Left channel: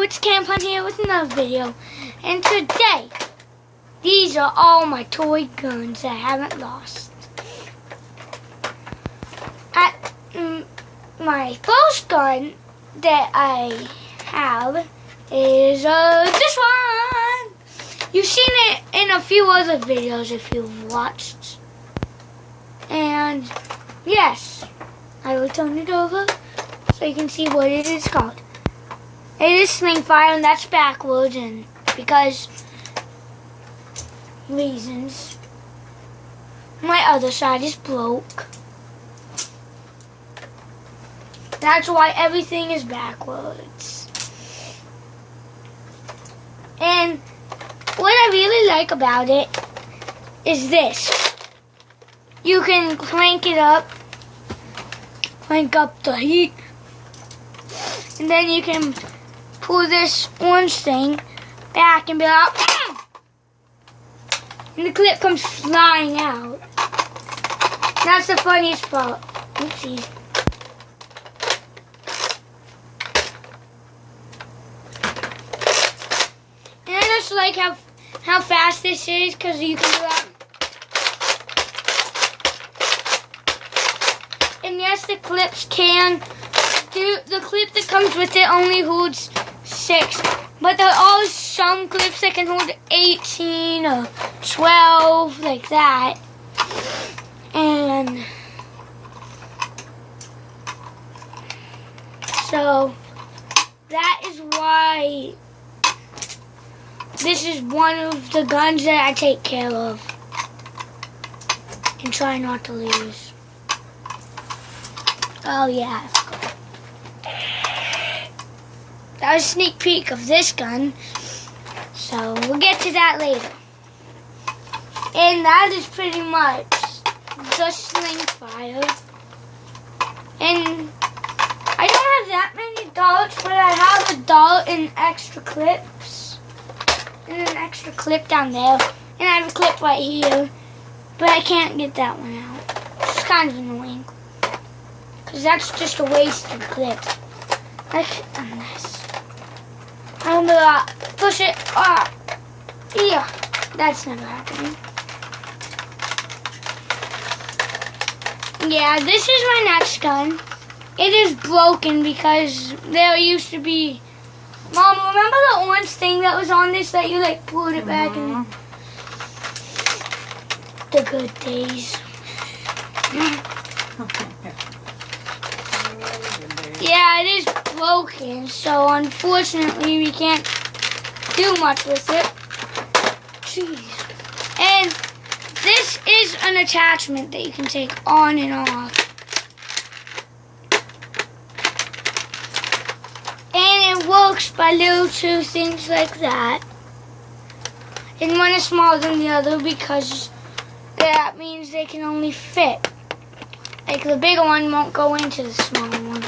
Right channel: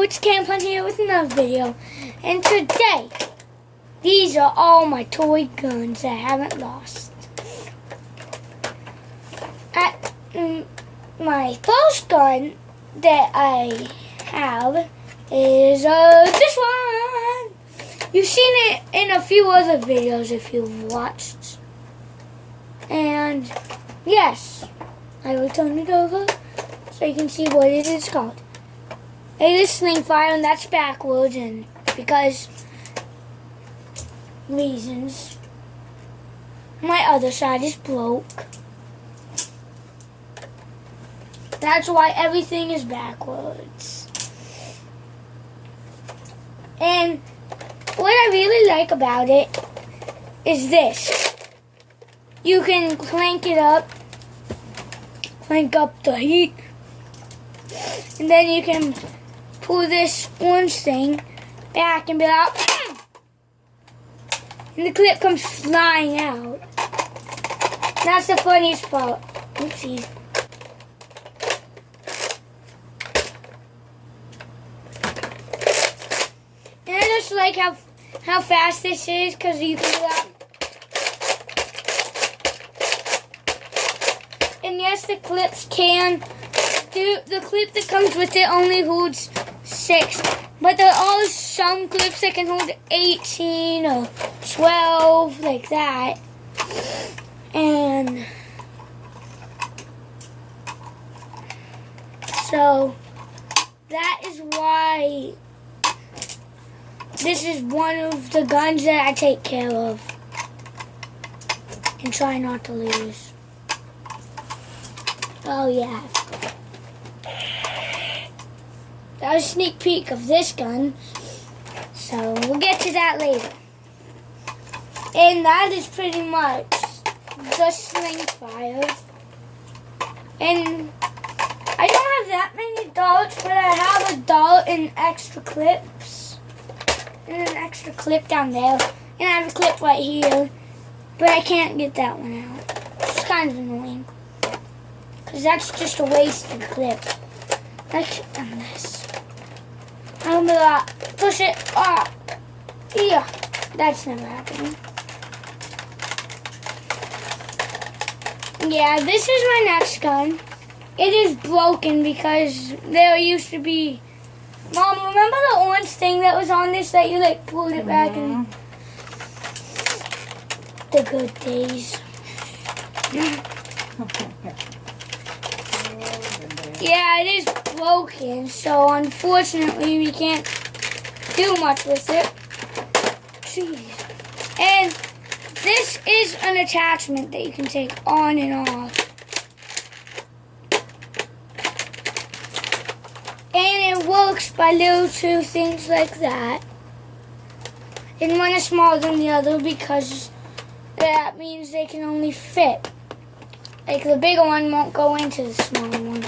Yo, it's Campon here with another video, and today, these are all my toy guns that I haven't lost. My first gun that I have is this one. You've seen it in a few other videos if you've watched. And yes, I will turn it over so you can see what it is called. It is sling fire, and that's backwards, and because reasons. My other side is broke. That's why everything is backwards. And what I really like about it is this. You can crank it up, crank up the heat, and then you can pull this orange thing back and be like, and the clip comes flying out. That's the funniest part. Oopsie. And I just like how fast this is, because you can do that. And yes, the clips can do, the clip that comes with it only holds 6, but there are some clips that can hold 18 or 12, like that. And so that is why this is one of the guns that I take care of and try not to lose. Oh yeah. That was a sneak peek of this gun, so we'll get to that later. And that is pretty much just sling fire. And I don't have that many darts, but I have a dart and extra clips. And an extra clip down there. And I have a clip right here, but I can't get that one out. It's kind of annoying, because that's just a wasted clip. I should have done this. I'm gonna push it. Yeah, that's never happening. Yeah, this is my next gun. It is broken because there used to be. Mom, remember the orange thing that was on this that you like pulled it back and the good days. Yeah, it is broken, so unfortunately we can't do much with it. Jeez. And this is an attachment that you can take on and off. And it works by little two things like that. And one is smaller than the other because that means they can only fit. Like the bigger one won't go into the smaller one.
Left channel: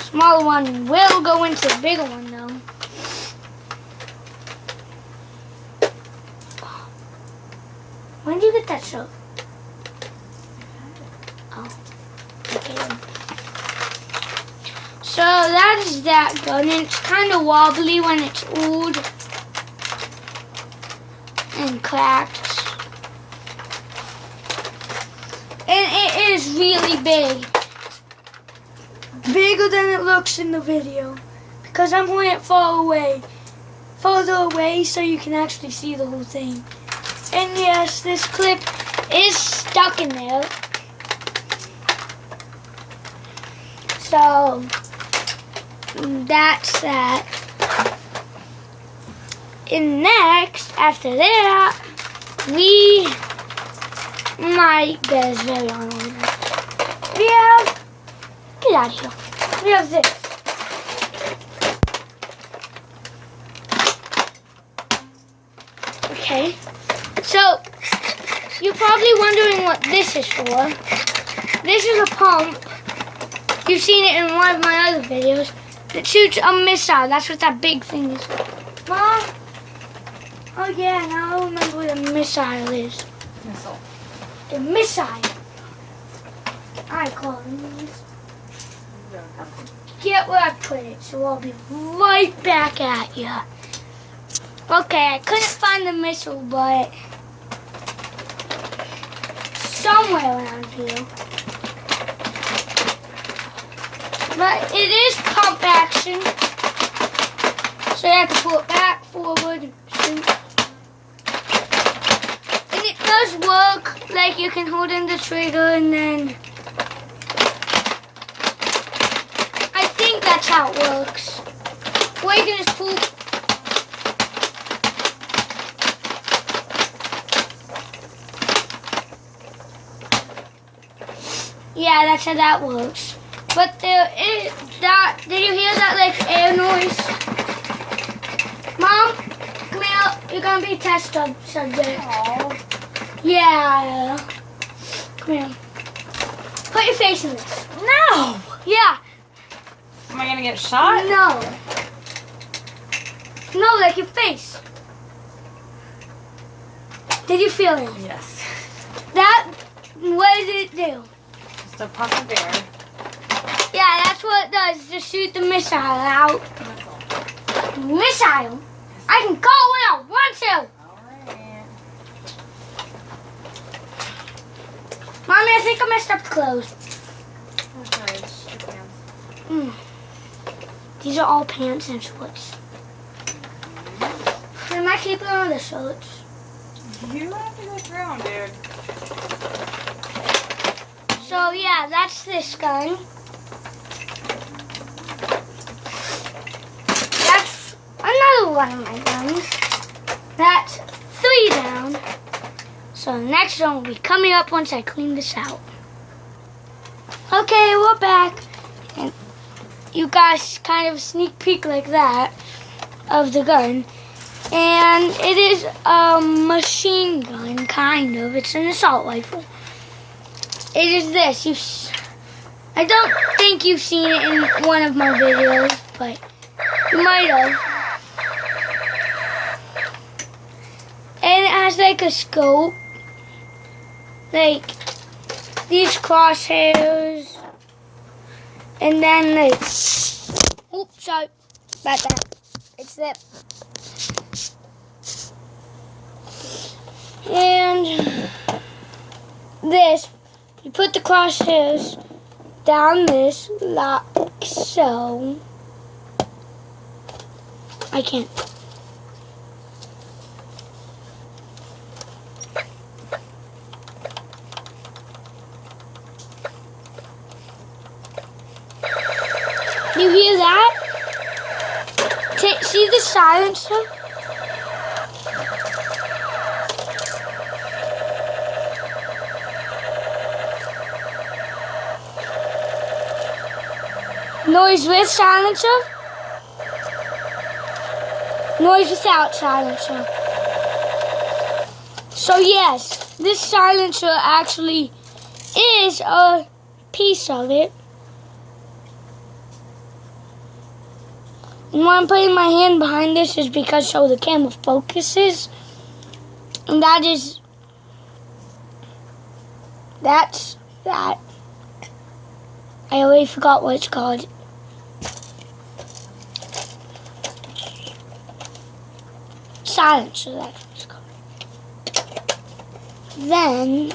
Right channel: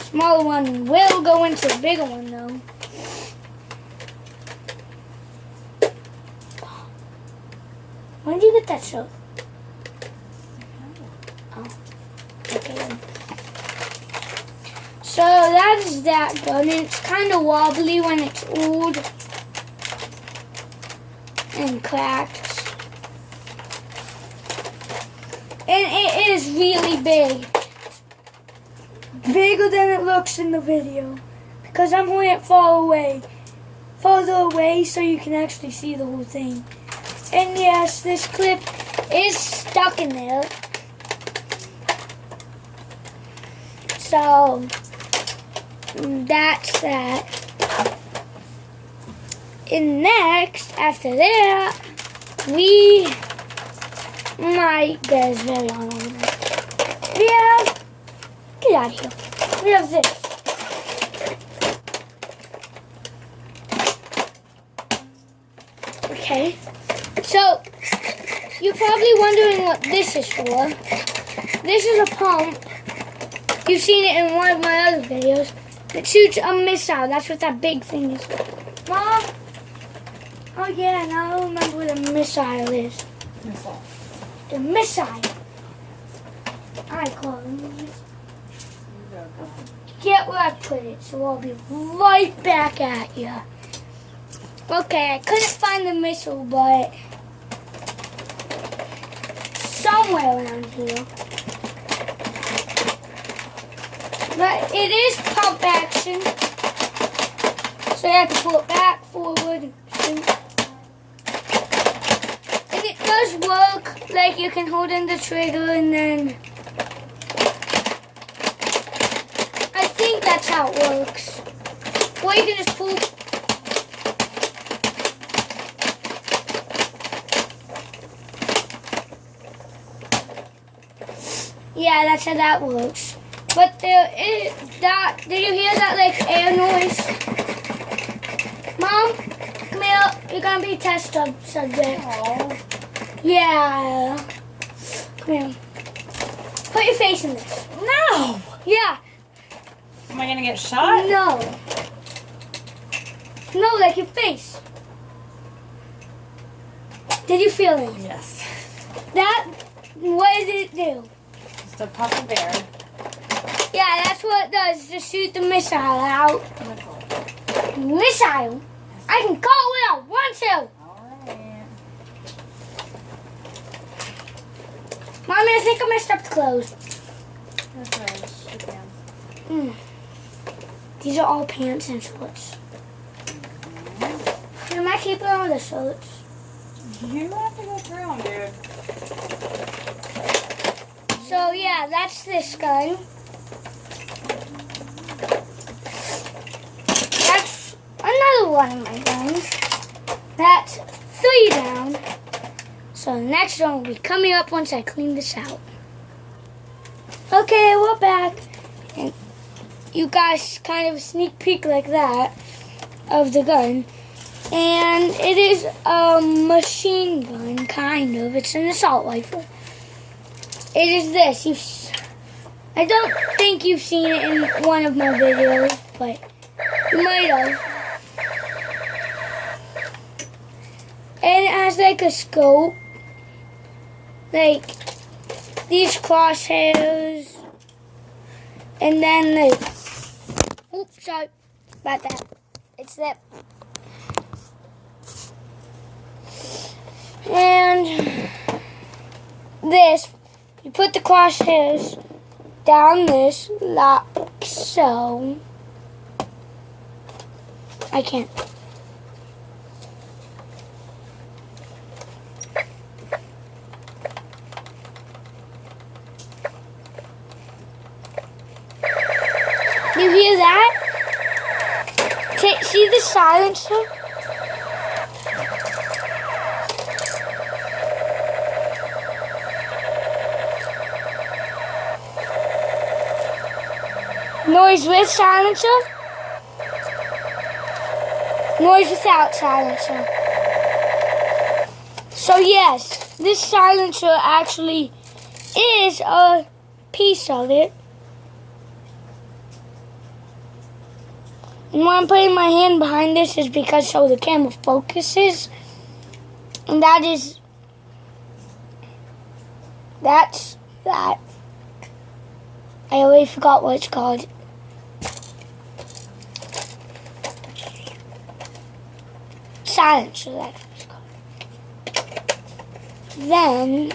Smaller one will go into the bigger one though. When did you get that shirt? Oh, okay then. So that is that gun, and it's kind of wobbly when it's old and cracked. And it is really big. Bigger than it looks in the video, because I'm holding it further away so you can actually see the whole thing. And yes, this clip is stuck in there. So that's that. And next, after that, my bed is very long over there. Get out of here. We have this. Okay. So, you're probably wondering what this is for. This is a pump. You've seen it in one of my other videos. That shoots a missile. That's what that big thing is. Mom? Oh yeah, now I remember what a missile is. Missile. The missile. I call them these. forget where I put it, so I'll be right back at you. Okay, I couldn't find the missile, but somewhere around here. But it is pump action, so you have to pull it back, forward, shoot. And it does work, like you can hold in the trigger and then I think that's how it works. Or you can just pull. Yeah, that's how that works. But there is that. Did you hear that like air noise? Mom, come here. You're gonna be test subject. Aww. Yeah. Come here. Put your face in this. No. Yeah. Am I gonna get shot? No. No, like your face. Did you feel it? Yes. That, what did it do? It's the puffer bear. Yeah, that's what it does, to shoot the missile out. Missile? I can call it out, one, two. Alright. Mommy, I think I messed up the clothes. Okay, just your pants. These are all pants and shorts. And I keep it on the shorts. You have to go through them, dude. So yeah, that's this gun. That's another one of my guns. That's 3 down. So the next one will be coming up once I clean this out. Okay, we're back. And you guys kind of a sneak peek like that of the gun. And it is a machine gun, kind of. It's an assault rifle. It is this. I don't think you've seen it in one of my videos, but you might have. And it has like a scope, like these crosshairs, and then like, oops, sorry about that. It's that. And this, you put the crosshairs down this like so. I can't. You hear that? See the silencer? Noise with silencer. Noise without silencer. So yes, this silencer actually is a piece of it. And why I'm putting my hand behind this is because so the camera focuses. And that's that. I already forgot what it's called. Silencer, that's what it's called. Then,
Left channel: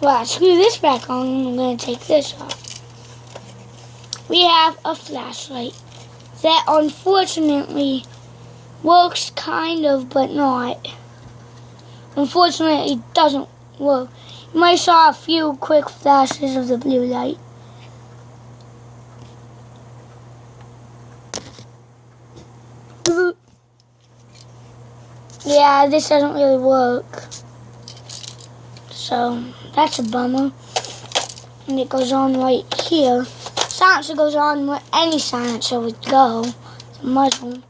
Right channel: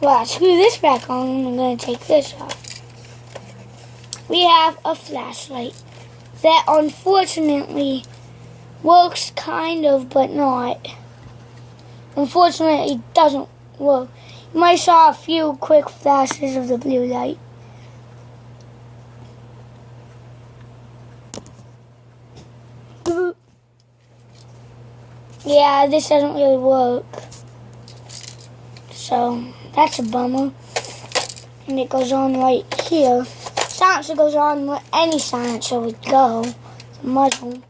well, I screw this back on and I'm going to take this off. We have a flashlight that unfortunately works kind of, but not. Unfortunately, it doesn't work. You might saw a few quick flashes of the blue light. Yeah, this doesn't really work. So, that's a bummer. And it goes on right here. Silencer goes on where any silencer would go. The muzzle.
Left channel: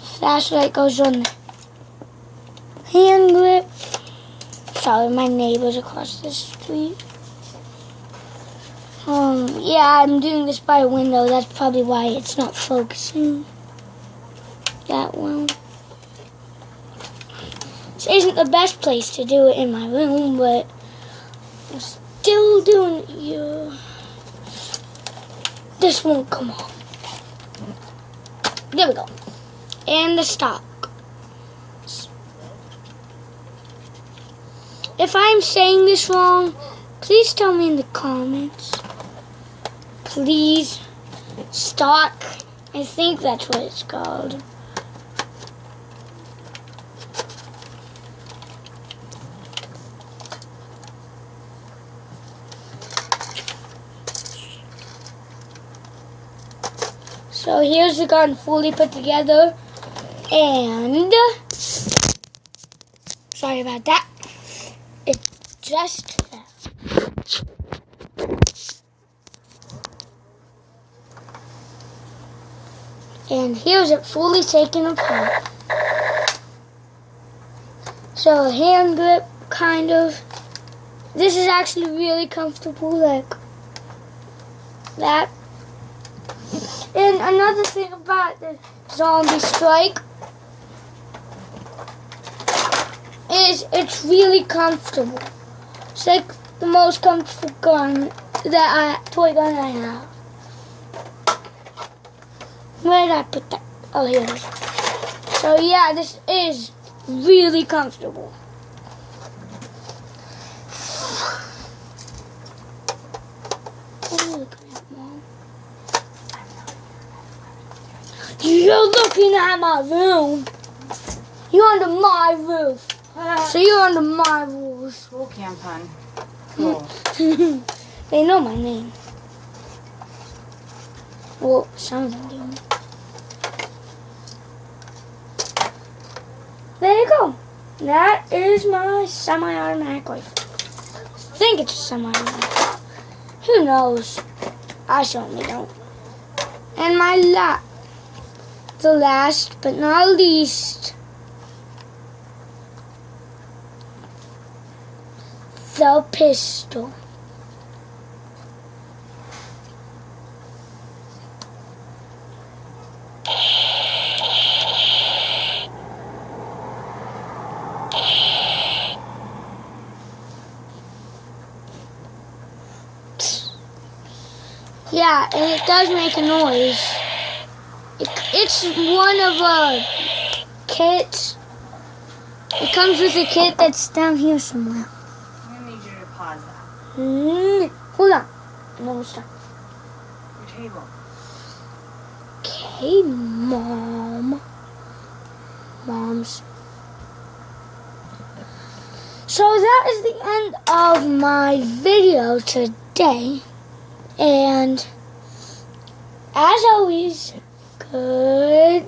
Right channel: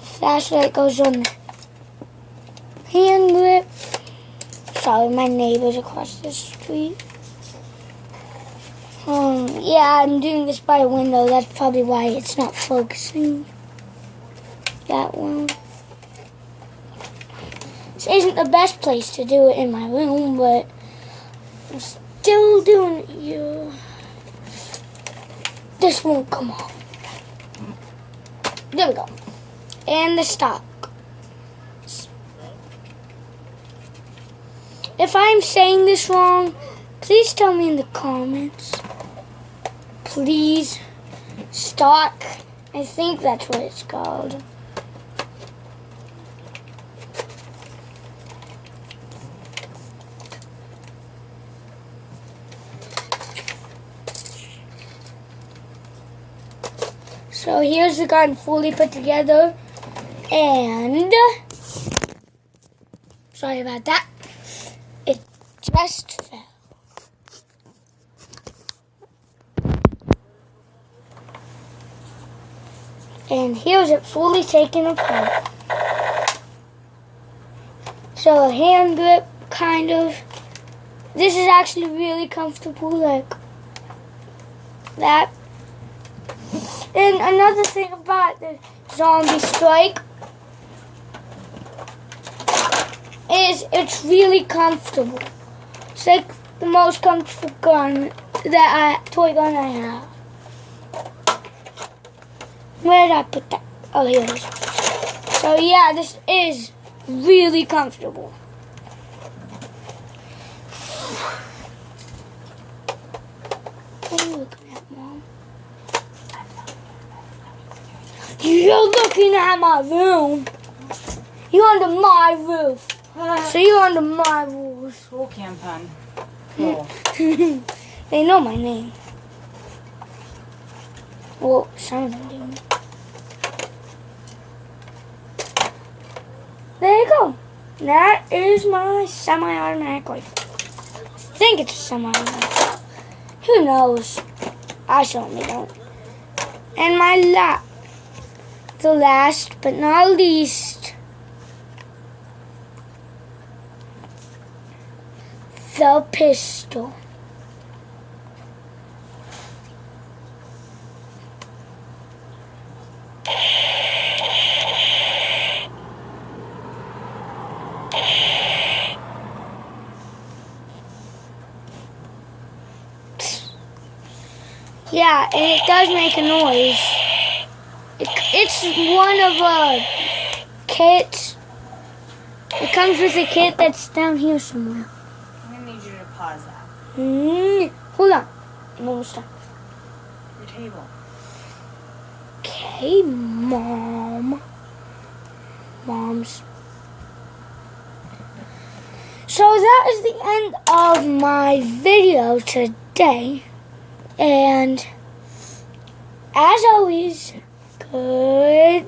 Flashlight goes on the hand grip. Sorry, my neighbor's across the street. Yeah, I'm doing this by a window. That's probably why it's not focusing that well. This isn't the best place to do it in my room, but still doing it here. This won't come off. There we go. And the stock. If I'm saying this wrong, please tell me in the comments. Please. Stock. I think that's what it's called. So here's the gun fully put together, and sorry about that, it just fell. And here's it fully taken apart. So a hand grip, kind of. This is actually really comfortable, like that. And another thing about the Zombie Strike is it's really comfortable. It's like the most comfortable gun toy gun I have. Where did I put that? Oh, here it is. So yeah, this is really comfortable. What are you looking at, Mom? You're looking at my room. You're under my roof. So you're under my rules. Cool cam pun. Cool. They know my name. Well, some of them do. There you go. That is my semi-automatic rifle. I think it's a semi-automatic. Who knows? I certainly don't. And my the last but not least, the pistol. Yeah, and it does make a noise. It's one of a kit. It comes with a kit that's down here somewhere. I'm going to need you to pause that. Hold on. I'm almost done. Your table. Okay, Moms. So that is the end of my video today. And as always, goodbye.